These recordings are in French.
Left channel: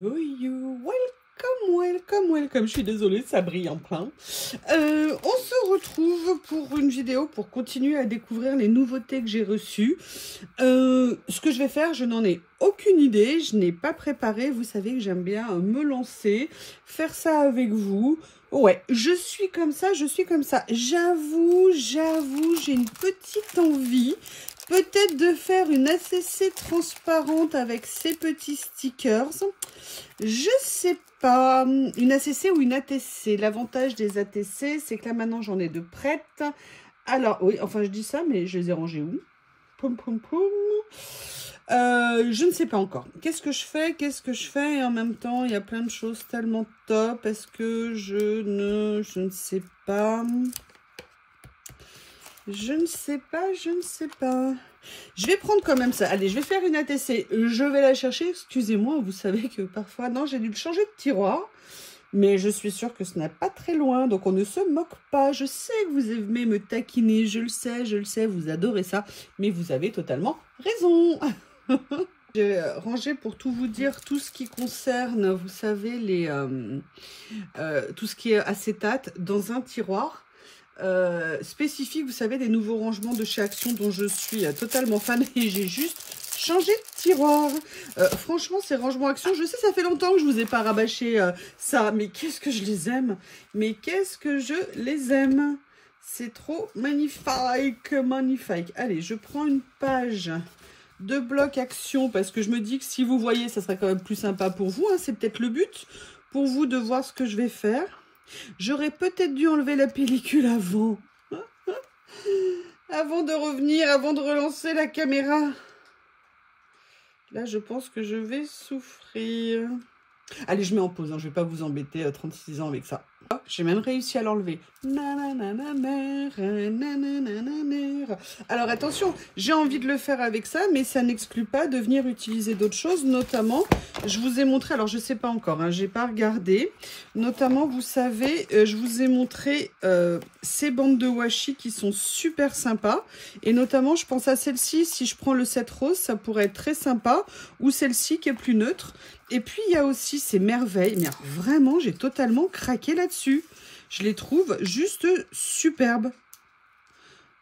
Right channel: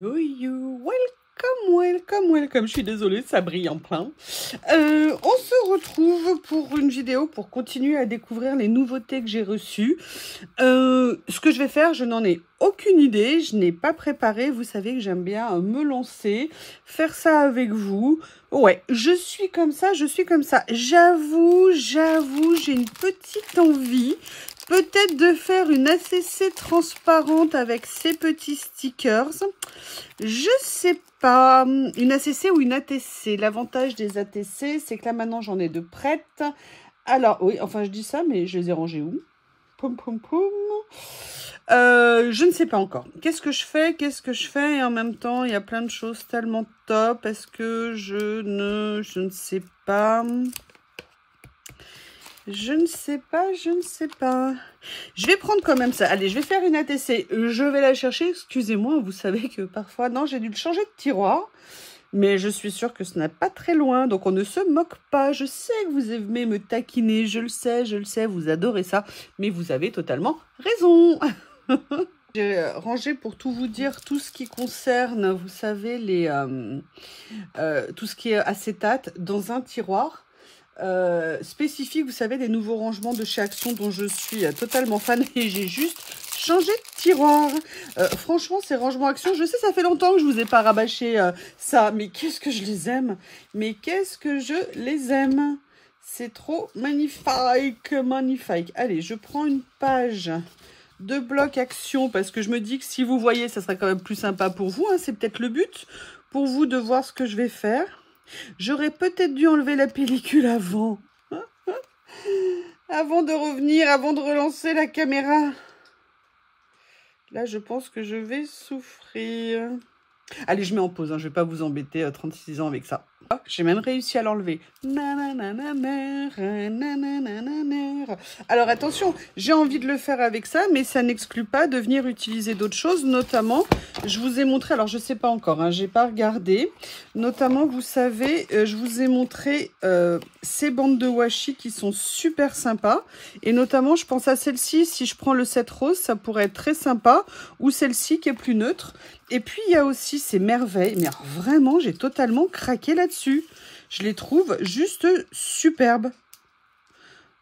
Oh you, welcome, je suis désolée, ça brille en plein. On se retrouve pour une vidéo pour continuer à découvrir les nouveautés que j'ai reçues. Ce que je vais faire, je n'en ai aucune idée, je n'ai pas préparé. Vous savez que j'aime bien me lancer, faire ça avec vous. Ouais, je suis comme ça. J'avoue, j'ai une petite envie. Peut-être de faire une ACC transparente avec ces petits stickers. Je sais pas, une ACC ou une ATC. L'avantage des ATC, c'est que là maintenant j'en ai de prêtes. Alors oui, enfin je dis ça, mais je les ai rangées où? Poum poum poum. Je ne sais pas encore. Qu'est-ce que je fais? Et en même temps, il y a plein de choses tellement top. Est-ce que je ne sais pas. Je ne sais pas. Je vais prendre quand même ça. Allez, je vais faire une ATC. Je vais la chercher. Excusez-moi, vous savez que parfois... Non, j'ai dû le changer de tiroir. Mais je suis sûre que ce n'est pas très loin. Donc, on ne se moque pas. Je sais que vous aimez me taquiner. Je le sais. Vous adorez ça. Mais vous avez totalement raison. J'ai rangé, pour tout vous dire, tout ce qui concerne, vous savez, tout ce qui est acétate dans un tiroir. Spécifique, vous savez, des nouveaux rangements de chez Action dont je suis totalement fan, et j'ai juste changé de tiroir. Franchement, ces rangements Action, je sais, ça fait longtemps que je vous ai pas rabâché ça, mais qu'est-ce que je les aime, c'est trop magnifique. Allez, je prends une page de bloc Action parce que je me dis que si vous voyez, ça serait quand même plus sympa pour vous, hein, c'est peut-être le but pour vous de voir ce que je vais faire. J'aurais peut-être dû enlever la pellicule avant. Avant de revenir, avant de relancer la caméra. Là, je pense que je vais souffrir. Allez, je mets en pause, hein, je ne vais pas vous embêter 36 ans avec ça. J'ai même réussi à l'enlever. Alors attention, j'ai envie de le faire avec ça, mais ça n'exclut pas de venir utiliser d'autres choses. Notamment, je vous ai montré, alors je ne sais pas encore, hein, je n'ai pas regardé. Notamment, vous savez, je vous ai montré ces bandes de washi qui sont super sympas. Et notamment, je pense à celle-ci, si je prends le set rose, ça pourrait être très sympa. Ou celle-ci qui est plus neutre. Et puis, il y a aussi ces merveilles. Mais alors, vraiment, j'ai totalement craqué là-dessus. Je les trouve juste superbes.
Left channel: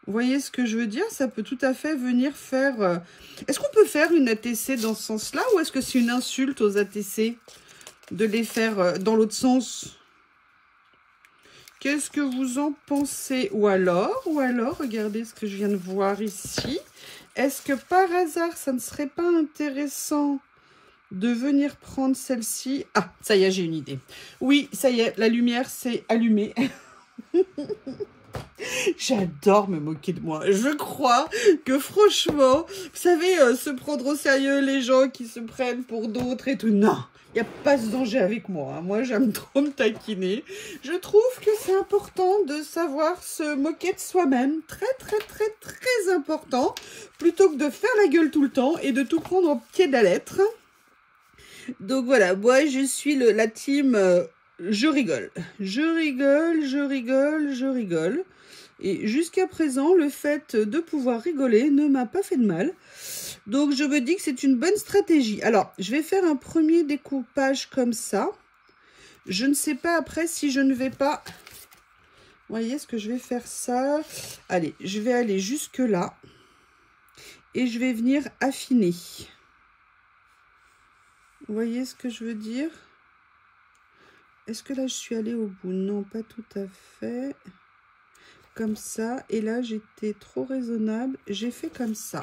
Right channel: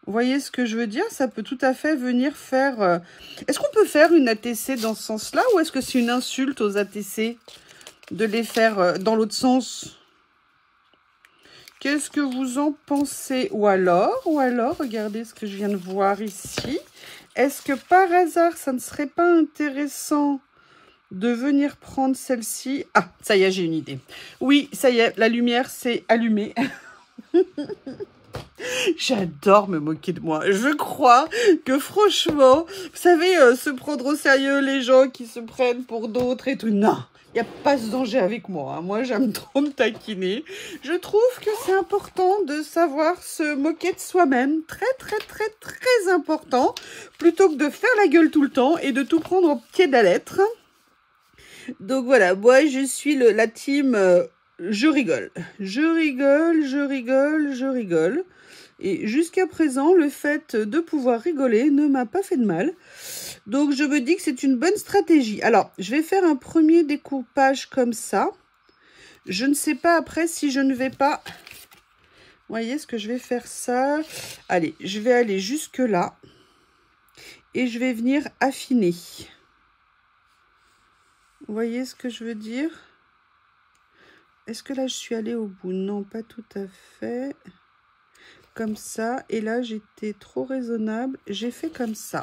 Vous voyez ce que je veux dire? Ça peut tout à fait venir faire... Est-ce qu'on peut faire une ATC dans ce sens-là? Ou est-ce que c'est une insulte aux ATC de les faire dans l'autre sens? Qu'est-ce que vous en pensez? Ou alors, regardez ce que je viens de voir ici. Est-ce que par hasard, ça ne serait pas intéressant de venir prendre celle-ci? Ah, ça y est, j'ai une idée. Oui, ça y est, la lumière s'est allumée. J'adore me moquer de moi. Je crois que franchement, vous savez, se prendre au sérieux, les gens qui se prennent pour d'autres et tout. Non, il n'y a pas ce danger avec moi. Hein. Moi, j'aime trop me taquiner. Je trouve que c'est important de savoir se moquer de soi-même. Très important. Plutôt que de faire la gueule tout le temps et de tout prendre au pied de la lettre. Donc voilà, moi je suis la team je rigole. Je rigole. Et jusqu'à présent, le fait de pouvoir rigoler ne m'a pas fait de mal. Donc je me dis que c'est une bonne stratégie. Alors, je vais faire un premier découpage comme ça. Je ne sais pas après si je ne vais pas... Vous voyez, est-ce que je vais faire ça? Allez, je vais aller jusque là. Et je vais venir affiner. Vous voyez ce que je veux dire? Est-ce que là, je suis allée au bout? Non, pas tout à fait. Comme ça. Et là, j'étais trop raisonnable. J'ai fait comme ça.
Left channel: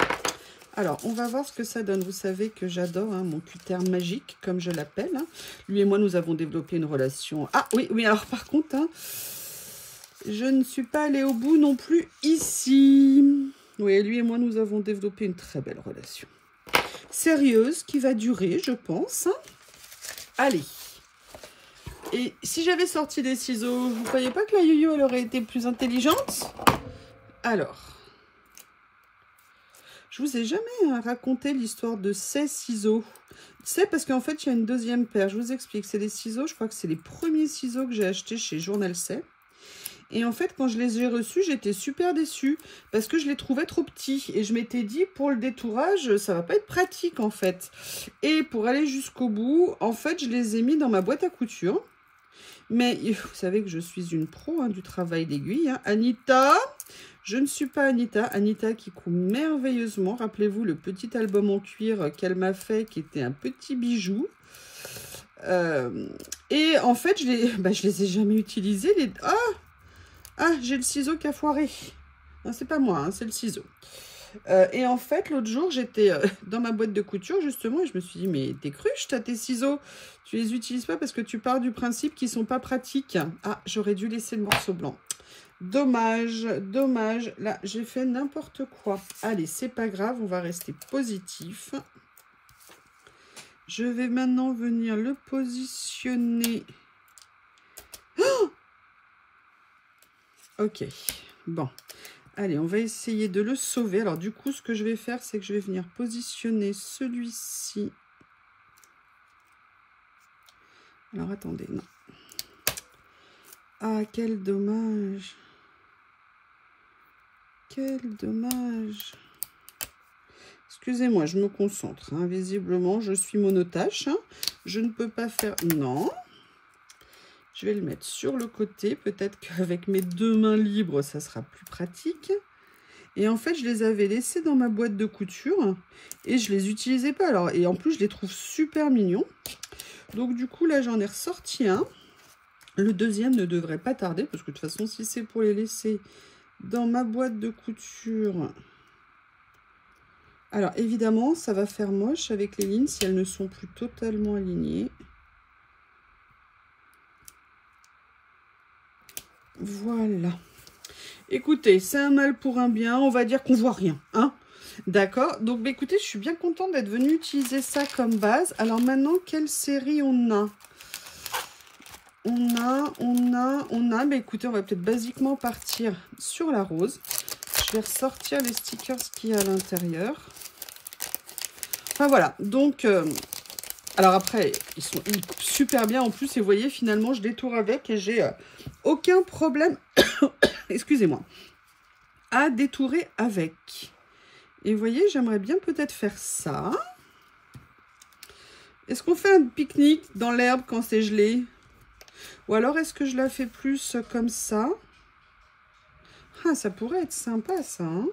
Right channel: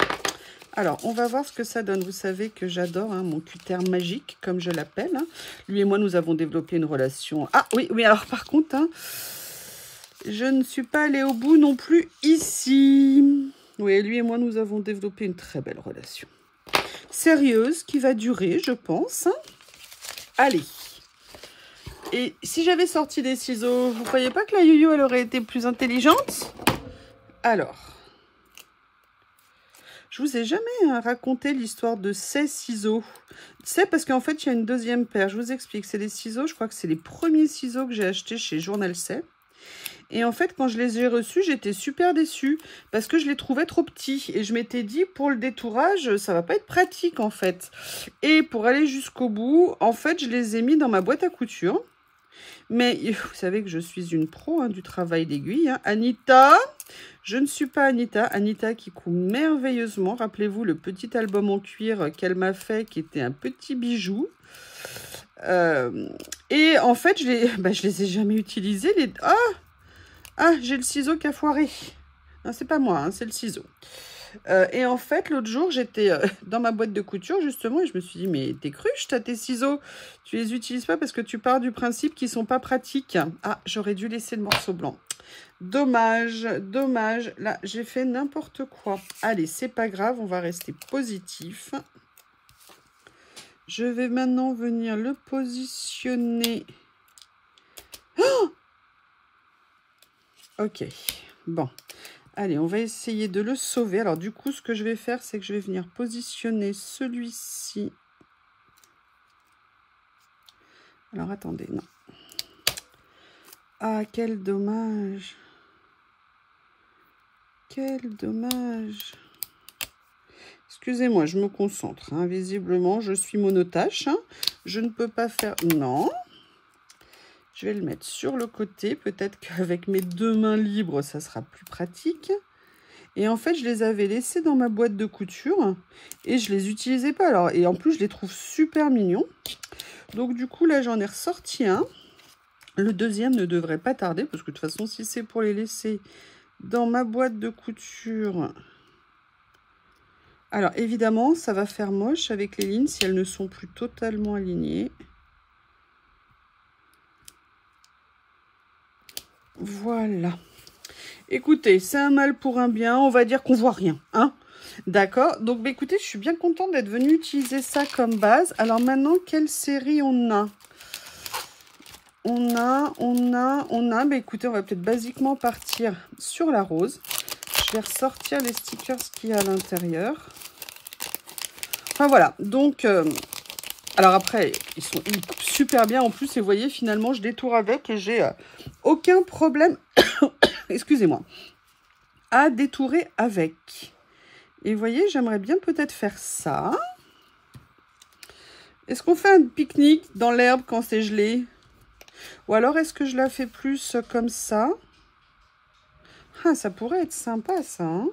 Alors, on va voir ce que ça donne. Vous savez que j'adore hein, mon cutter magique, comme je l'appelle. Hein. Lui et moi, nous avons développé une relation. Ah oui, alors par contre, hein, je ne suis pas allée au bout non plus ici. Oui, lui et moi, nous avons développé une très belle relation. Sérieuse, qui va durer, je pense. Allez. Et si j'avais sorti des ciseaux, vous ne croyez pas que la Yoyo, elle aurait été plus intelligente? Alors, je vous ai jamais raconté l'histoire de ces ciseaux. C'est parce qu'en fait, il y a une deuxième paire. Je vous explique, c'est les ciseaux, je crois que c'est les premiers ciseaux que j'ai achetés chez Journal C. Et en fait, quand je les ai reçus, j'étais super déçue parce que je les trouvais trop petits. Et je m'étais dit, pour le détourage, ça va pas être pratique en fait. Et pour aller jusqu'au bout, en fait, je les ai mis dans ma boîte à couture. Mais vous savez que je suis une pro hein, du travail d'aiguille. Hein. Anita, je ne suis pas Anita. Anita qui coud merveilleusement. Rappelez-vous le petit album en cuir qu'elle m'a fait, qui était un petit bijou. Et en fait, je les ai jamais utilisés. Ah, j'ai le ciseau qui a foiré. Non, c'est pas moi, hein, c'est le ciseau. Et en fait, l'autre jour, j'étais dans ma boîte de couture, justement, et je me suis dit, mais t'es cruche, t'as tes ciseaux. Tu les utilises pas parce que tu pars du principe qu'ils sont pas pratiques. Ah, j'aurais dû laisser le morceau blanc. Dommage, dommage. Là, j'ai fait n'importe quoi. Allez, c'est pas grave, on va rester positif. Je vais maintenant venir le positionner. Oh, ok, bon. Allez, on va essayer de le sauver. Alors, du coup, ce que je vais faire, c'est que je vais venir positionner celui-ci. Alors, attendez, non. Ah, quel dommage. Quel dommage. Excusez-moi, je me concentre. Hein. Visiblement, je suis monotache. Hein. Je ne peux pas faire... Non. Je vais le mettre sur le côté. Peut-être qu'avec mes deux mains libres, ça sera plus pratique. Et en fait, je les avais laissés dans ma boîte de couture. Et je les utilisais pas. Alors, et en plus, je les trouve super mignons. Donc, du coup, là, j'en ai ressorti un. Le deuxième ne devrait pas tarder. Parce que de toute façon, si c'est pour les laisser dans ma boîte de couture... Alors, évidemment, ça va faire moche avec les lignes si elles ne sont plus totalement alignées. Voilà. Écoutez, c'est un mal pour un bien. On va dire qu'on voit rien. Hein? D'accord. Donc, bah, écoutez, je suis bien contente d'être venue utiliser ça comme base. Alors, maintenant, quelle série on a? On a. Bah, écoutez, on va peut-être basiquement partir sur la rose. Je vais ressortir les stickers qu'il y a à l'intérieur. Enfin, voilà. Donc, alors après, ils sont super bien en plus. Et vous voyez, finalement, je détourne avec et j'ai aucun problème, excusez-moi, à détourer avec. Et vous voyez, j'aimerais bien peut-être faire ça. Est-ce qu'on fait un pique-nique dans l'herbe quand c'est gelé? Ou alors, est-ce que je la fais plus comme ça? Ah, ça pourrait être sympa, ça, hein?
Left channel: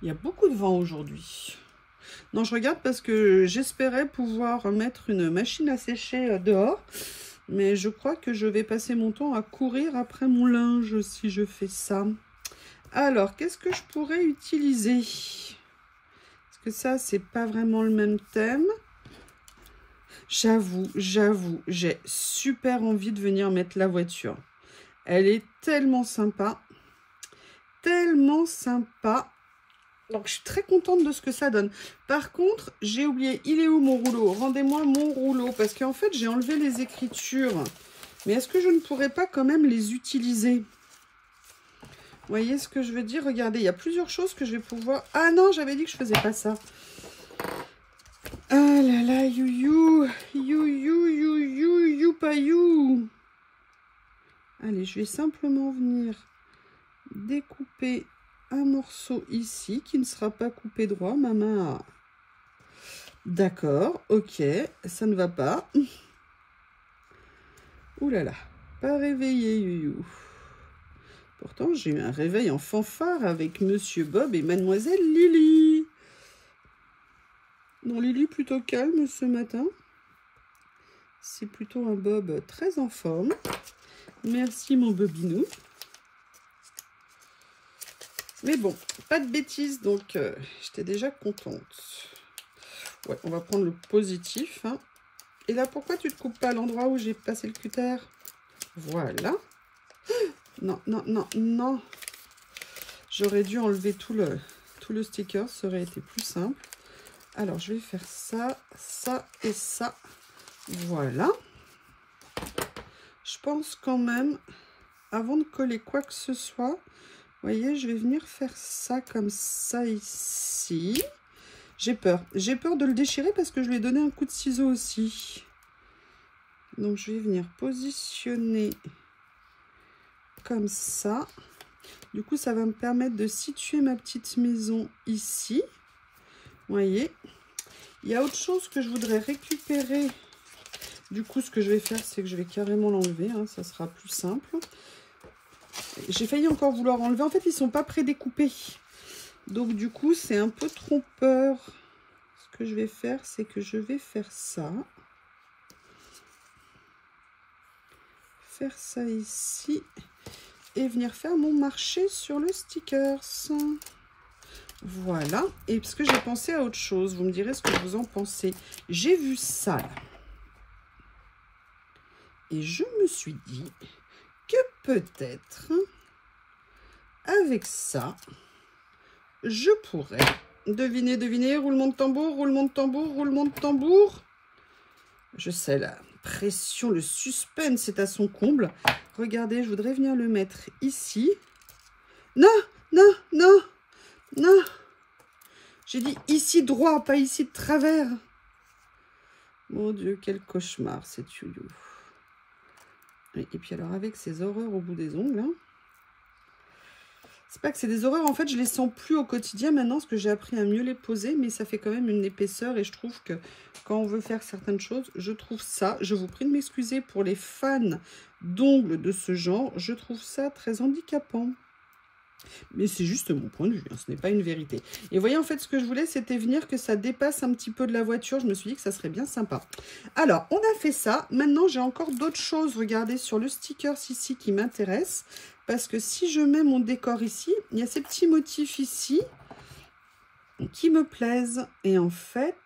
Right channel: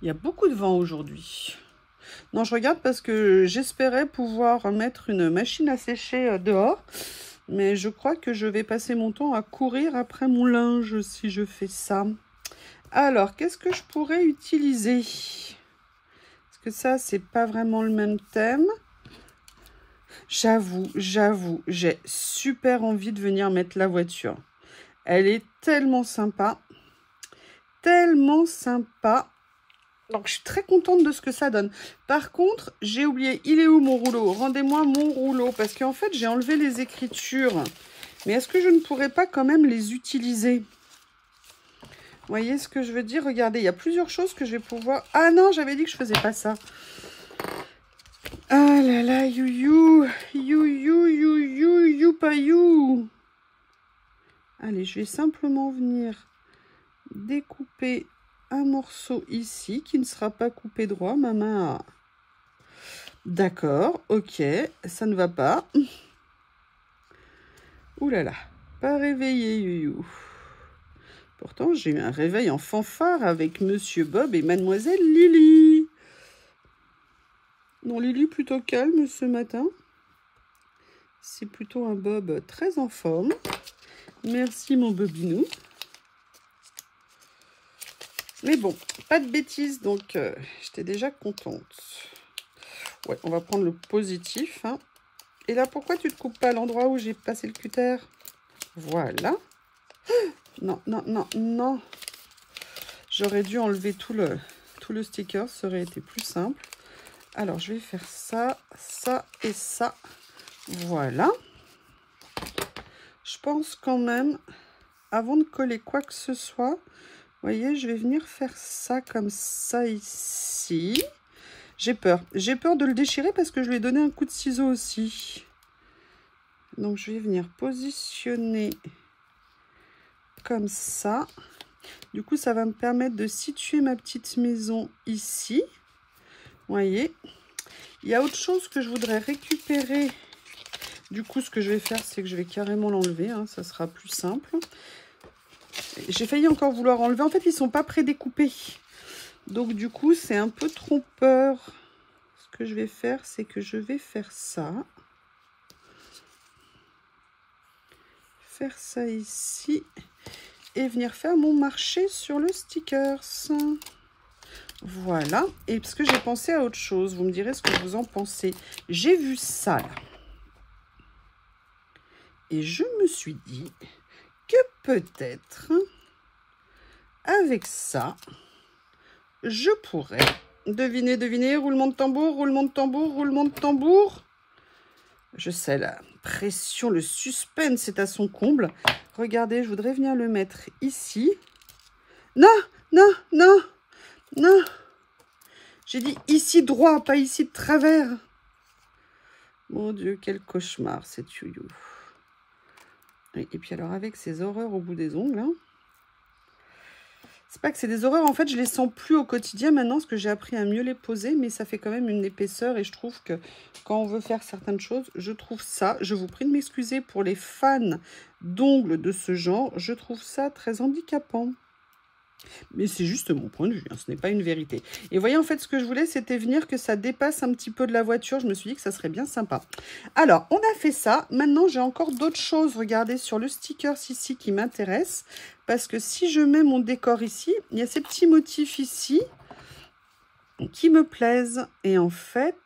Il y a beaucoup de vent aujourd'hui. Non, je regarde parce que j'espérais pouvoir mettre une machine à sécher dehors. Mais je crois que je vais passer mon temps à courir après mon linge si je fais ça. Alors, qu'est-ce que je pourrais utiliser? Parce que ça, c'est pas vraiment le même thème. J'avoue, j'ai super envie de venir mettre la voiture. Elle est tellement sympa. Tellement sympa. Donc, je suis très contente de ce que ça donne. Par contre, j'ai oublié, il est où mon rouleau? Rendez-moi mon rouleau. Parce qu'en fait, j'ai enlevé les écritures. Mais est-ce que je ne pourrais pas quand même les utiliser? Vous voyez ce que je veux dire? Regardez, il y a plusieurs choses que je vais pouvoir... Ah non, j'avais dit que je faisais pas ça. Ah là là, you, pas you. Allez, je vais simplement venir découper un morceau ici qui ne sera pas coupé droit. Ma main a... D'accord, ok, ça ne va pas. Ouh là là, pas réveillé, you. Pourtant, j'ai eu un réveil en fanfare avec Monsieur Bob et Mademoiselle Lily. Non, Lily plutôt calme ce matin. C'est plutôt un Bob très en forme. Merci mon Bobinou. Mais bon, pas de bêtises, donc j'étais déjà contente. Ouais, on va prendre le positif. Hein. Et là, pourquoi tu ne te coupes pas à l'endroit où j'ai passé le cutter? Voilà. Non, non, non, non. J'aurais dû enlever tout le sticker, ça aurait été plus simple. Alors, je vais faire ça, ça et ça. Voilà. Je pense quand même, avant de coller quoi que ce soit, vous voyez, je vais venir faire ça comme ça ici. J'ai peur. J'ai peur de le déchirer parce que je lui ai donné un coup de ciseau aussi. Donc, je vais venir positionner comme ça. Du coup, ça va me permettre de situer ma petite maison ici. Vous voyez, il y a autre chose que je voudrais récupérer. Du coup, ce que je vais faire, c'est que je vais carrément l'enlever. Hein, ça sera plus simple. J'ai failli encore vouloir enlever. En fait, ils ne sont pas prédécoupés. Donc, du coup, c'est un peu trompeur. Ce que je vais faire, c'est que je vais faire ça. Faire ça ici. Et venir faire mon marché sur le stickers. Voilà. Et parce que j'ai pensé à autre chose. Vous me direz ce que vous en pensez. J'ai vu ça là. Et je me suis dit que peut-être, avec ça, je pourrais, deviner, roulement de tambour, roulement de tambour, roulement de tambour. Je sais, la pression, le suspense est à son comble. Regardez, je voudrais venir le mettre ici. Non, non, non, non. J'ai dit ici droit, pas ici de travers. Mon Dieu, quel cauchemar, cette youyou. Et puis alors, avec ces horreurs au bout des ongles, hein, c'est pas que c'est des horreurs, en fait, je les sens plus au quotidien maintenant, parce que j'ai appris à mieux les poser, mais ça fait quand même une épaisseur, et je trouve que quand on veut faire certaines choses, je trouve ça, je vous prie de m'excuser pour les fans d'ongles de ce genre, je trouve ça très handicapant. Mais c'est juste mon point de vue, hein, ce n'est pas une vérité. Et vous voyez, en fait, ce que je voulais, c'était venir que ça dépasse un petit peu de la voiture. Je me suis dit que ça serait bien sympa. Alors, on a fait ça. Maintenant, j'ai encore d'autres choses, regardez, sur le sticker ici qui m'intéressent. Parce que si je mets mon décor ici, il y a ces petits motifs ici qui me plaisent. Et en fait...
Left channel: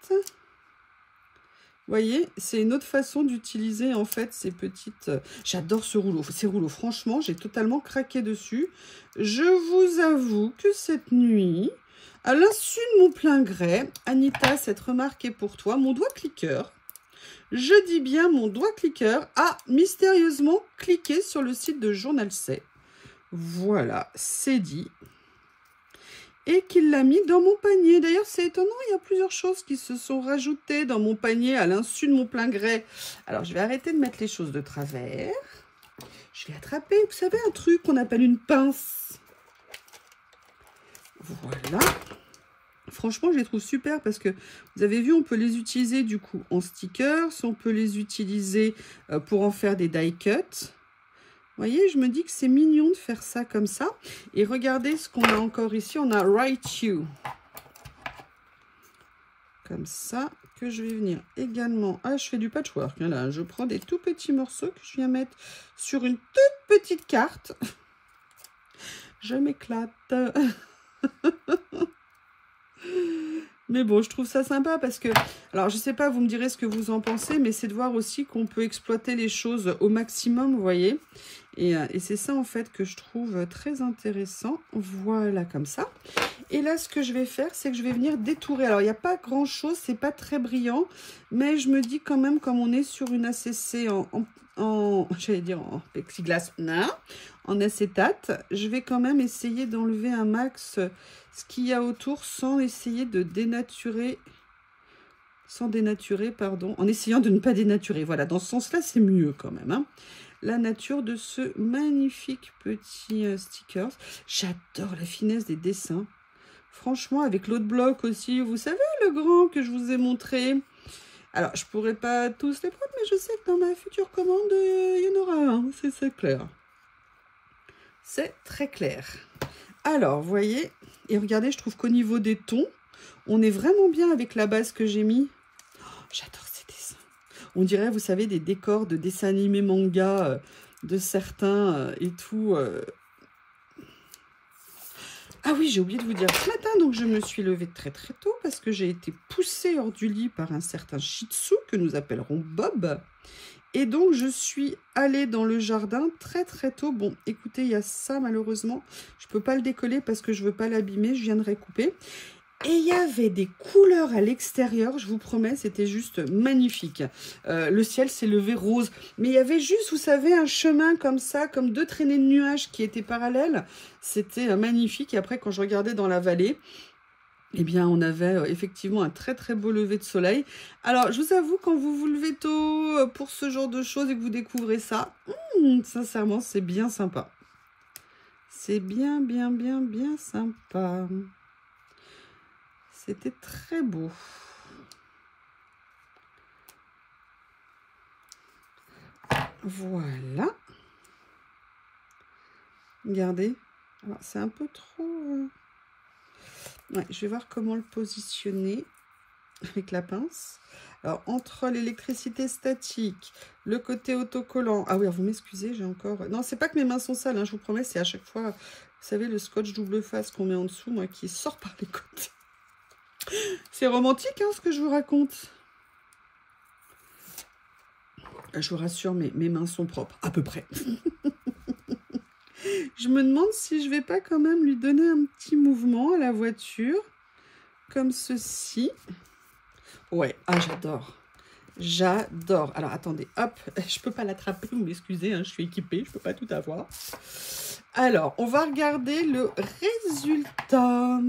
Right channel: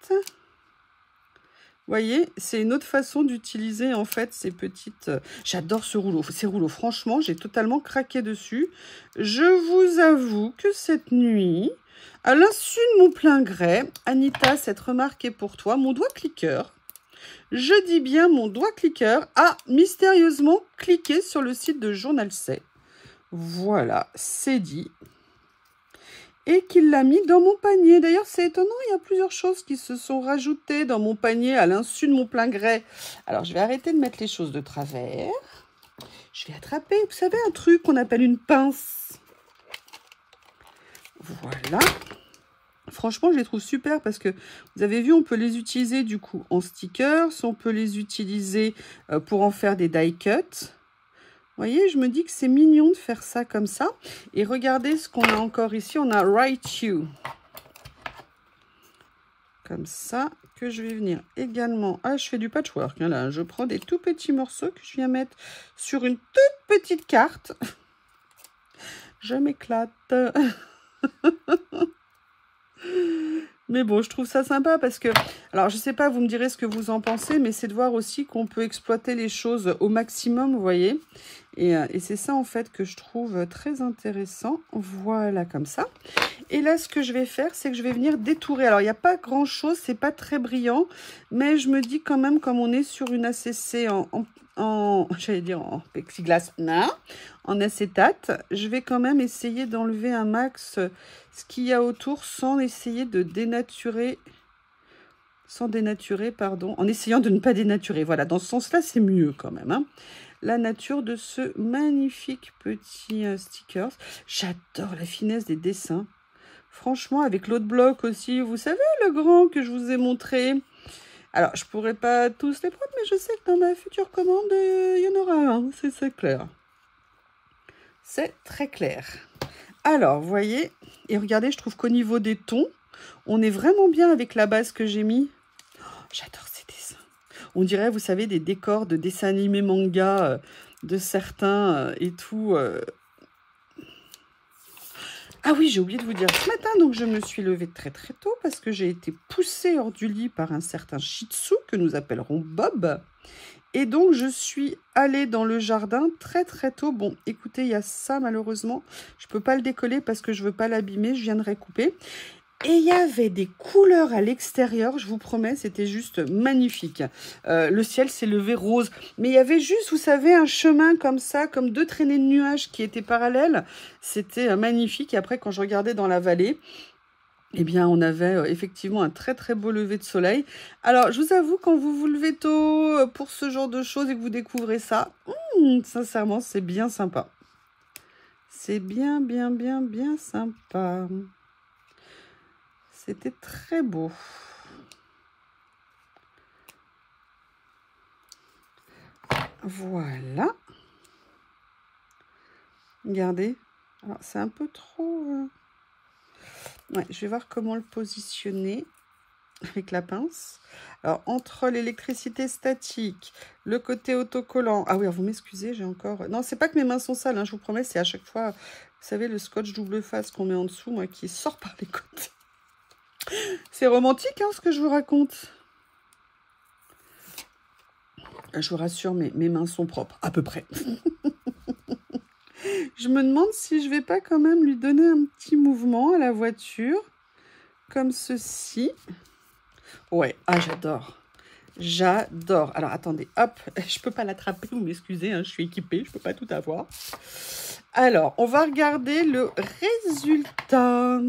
Vous voyez, c'est une autre façon d'utiliser en fait ces petites... J'adore ce rouleau. Ces rouleaux, franchement, j'ai totalement craqué dessus. Je vous avoue que cette nuit, à l'insu de mon plein gré, Anita, cette remarque est pour toi. Mon doigt cliqueur, je dis bien mon doigt cliqueur, a mystérieusement cliqué sur le site de Journal C. Voilà, c'est dit. Et qu'il l'a mis dans mon panier. D'ailleurs, c'est étonnant, il y a plusieurs choses qui se sont rajoutées dans mon panier à l'insu de mon plein gré. Alors, je vais arrêter de mettre les choses de travers. Je vais attraper, vous savez, un truc qu'on appelle une pince. Voilà. Franchement, je les trouve super parce que, vous avez vu, on peut les utiliser du coup en stickers. On peut les utiliser pour en faire des die cuts. Vous voyez, je me dis que c'est mignon de faire ça comme ça. Et regardez ce qu'on a encore ici. On a Write You. Comme ça, que je vais venir également... Ah, je fais du patchwork. Hein, là. Je prends des tout petits morceaux que je viens mettre sur une toute petite carte. Je m'éclate. Mais bon, je trouve ça sympa parce que... Alors, je sais pas, vous me direz ce que vous en pensez, mais c'est de voir aussi qu'on peut exploiter les choses au maximum, vous voyez. Et c'est ça, en fait, que je trouve très intéressant. Voilà, comme ça. Et là, ce que je vais faire, c'est que je vais venir détourer. Alors, il n'y a pas grand-chose, c'est pas très brillant, mais je me dis quand même, comme on est sur une ACC j'allais dire en plexiglas, non, en acétate, je vais quand même essayer d'enlever un max ce qu'il y a autour sans essayer de dénaturer, pardon, en essayant de ne pas dénaturer. Voilà, dans ce sens-là, c'est mieux quand même, hein. La nature de ce magnifique petit stickers. J'adore la finesse des dessins. Franchement, avec l'autre bloc aussi, vous savez, le grand que je vous ai montré. Alors, je pourrais pas tous les prendre, mais je sais que dans ma future commande, il y en aura un. C'est clair. C'est très clair. Alors, vous voyez, et regardez, je trouve qu'au niveau des tons, on est vraiment bien avec la base que j'ai mis. Oh, j'adore ces dessins. On dirait, vous savez, des décors de dessins animés manga de certains et tout. Ah oui, j'ai oublié de vous dire ce matin, donc je me suis levée très très tôt parce que j'ai été poussée hors du lit par un certain Shih Tzu que nous appellerons Bob. Et donc, je suis allée dans le jardin très très tôt. Bon, écoutez, il y a ça malheureusement. Je ne peux pas le décoller parce que je ne veux pas l'abîmer. Je viendrai couper. Et il y avait des couleurs à l'extérieur, je vous promets, c'était juste magnifique. Le ciel s'est levé rose. Mais il y avait juste, vous savez, un chemin comme ça, comme deux traînées de nuages qui étaient parallèles. C'était magnifique. Et après, quand je regardais dans la vallée, eh bien, on avait effectivement un très très beau lever de soleil. Alors, je vous avoue, quand vous vous levez tôt pour ce genre de choses et que vous découvrez ça, sincèrement, c'est bien sympa. C'est bien sympa. C'était très beau. Voilà. Regardez. Alors, c'est un peu trop... Ouais, je vais voir comment le positionner avec la pince. Alors, entre l'électricité statique, le côté autocollant... Ah oui, vous m'excusez, j'ai encore... Non, c'est pas que mes mains sont sales, hein, je vous promets, c'est à chaque fois, vous savez, le scotch double face qu'on met en dessous, moi, qui sort par les côtés. C'est romantique, hein, ce que je vous raconte. Je vous rassure, mes mains sont propres, à peu près. Je me demande si je vais pas quand même lui donner un petit mouvement à la voiture, comme ceci. Ouais, ah j'adore. J'adore. Alors attendez, hop, je peux pas l'attraper, vous m'excusez, hein, je suis équipée, je peux pas tout avoir. Alors, on va regarder le résultat.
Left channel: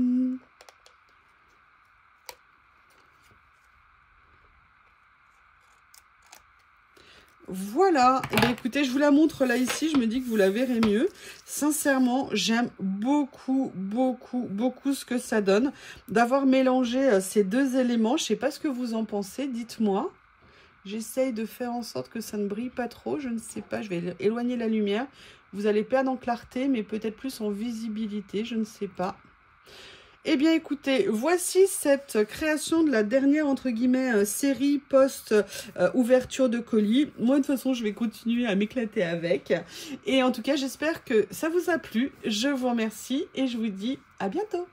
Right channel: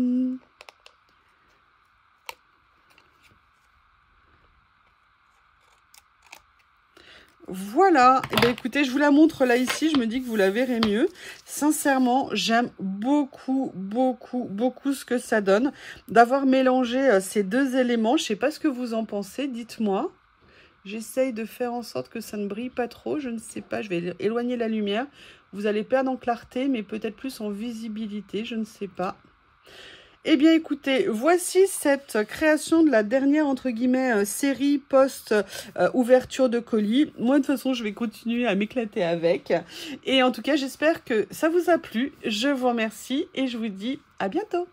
Voilà, et bien, écoutez, je vous la montre là ici, je me dis que vous la verrez mieux. Sincèrement, j'aime beaucoup ce que ça donne d'avoir mélangé ces deux éléments. Je ne sais pas ce que vous en pensez, dites-moi. J'essaye de faire en sorte que ça ne brille pas trop, je ne sais pas, je vais éloigner la lumière. Vous allez perdre en clarté, mais peut-être plus en visibilité, je ne sais pas. Eh bien, écoutez, voici cette création de la dernière, entre guillemets, série post-ouverture de colis. Moi, de toute façon, je vais continuer à m'éclater avec. Et en tout cas, j'espère que ça vous a plu. Je vous remercie et je vous dis à bientôt.